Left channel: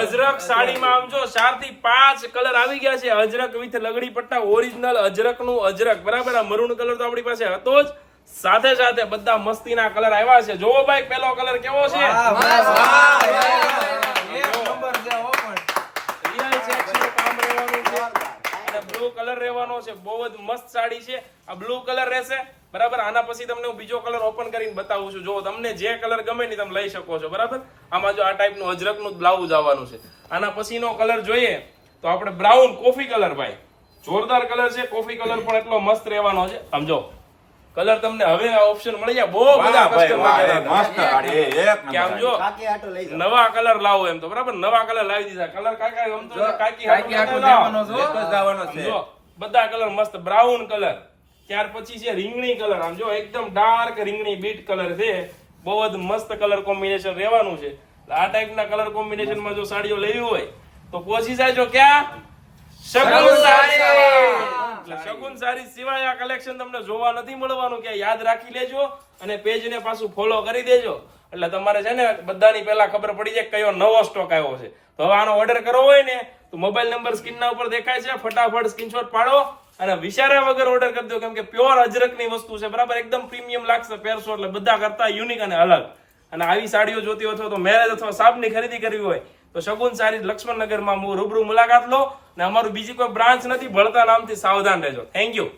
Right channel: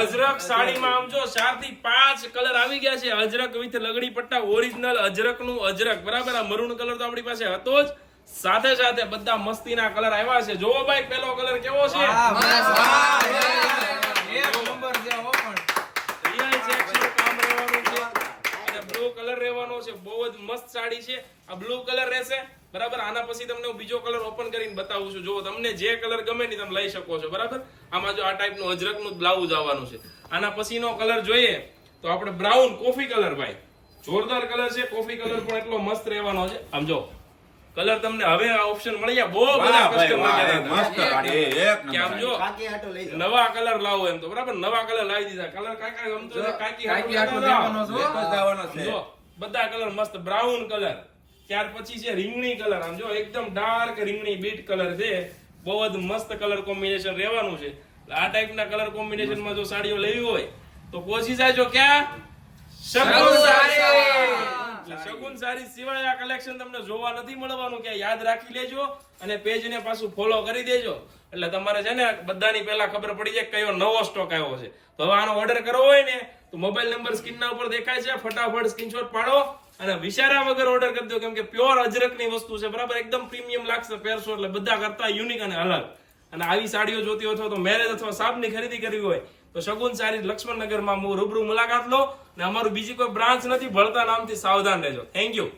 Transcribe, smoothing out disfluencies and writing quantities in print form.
અજરક સાડીમાં આમ જો 4 થી 5 કલર આવી ગયા છે. અજરક વિથ લગડી પટ્ટા, ઓરિજિનલ અજરક નું અજરક, બરાબર. આ મરૂન કલર તો આપણી પાસે હતો જ, સાથે સાથે બધા મસ્તીના કલર આવ્યા છે. જોવો ભાઈ, પેલો કલર કેવો છે? બ્લુ કલર રહેવાનો છે. બહુ જ મસ્ત સાડી છે. આ બ્લુ કલર રહેશે, બરાબર. આના પછી તમને હું બીજો કલર ઓપન કરીને બતાવું છું. જો તમને જે કલર ગમે ને તમે લઈ શકો છો, બરાબર. આમાં જો આ ટાઈપનું અજરકનું બ્લાઉઝ આવવાનું છે. આના પછીનો કલર જોઈએ તો આપણે બ્રાઉન કોફી કલર, ભાઈ જોરદાર કલર છે. કોફી કલર પણ એટલો મસ્ત રહેવાનો છે. આમ જો કલર તમને હવે આ ઓપ્શન મળી ગયા. બહુ બધા કસ્ટમર કે આમ જો નવા કલર લાવો એમ તો, બરાબર. નવા કલર લાવી દીધા. કલર કાકી આમ તો કાકી જો બધા કલર મસ્ત. બ્રાઉન કલર, ત્યાર પછી છે રીંગણી કલર. આમ જો એકદમ ડાર્ક રીંગણી બીટ કલર છે. બહુ જ મસ્ત કલર કોમ્બિનેશન રહેવાનું છે. આ ટાઈપના કલર કોમ્બિનેશનમાં જો સાડીઓ લેવી હોય તો પહોંચી જાજો ક્યાં? શગુન સાડી. એટલે શગુન સાડી સિવાય આ કલેક્શન તમને જોવા નથી મળવાનું. કે યાદ રાખી લેજો અને પેજને પાછું ફોલો કરી દેજો. એટલે તમારે છે ને બધાની પહેલા ખબર પડી જાય કયો નવો સ્ટોક આવ્યો છે. તો હવે આનો ઓર્ડર કરવો હોય ને તો મોબાઈલ નંબર સ્ક્રીનના ઉપર દેખાય છે, ફટાફટ સ્ક્રીનશોટ પાડો અને વિચાર્યા વગર ઓર્ડર કરી દો. કેમ કે પ્યોર અજરકની વસ્તુ છે, બરાબર. એકદમ પ્રીમિયમ લાગશે પહેરશો એટલે બધા કરતા યુનિક અને અલગ. અને આવી સાડીઓ જોતી હોય તો મેરેજ અથવા સાબની ખરીદી કરવી હોય તો શગુન સાડી લક્ષ્મણનગરમાં રૂબરૂ મુલાકાત લો. અને અમારું બીજી કોઈ બ્રાન્ચ નથી, ભળતા નામથી સાવધાન રહેજો. Thank you.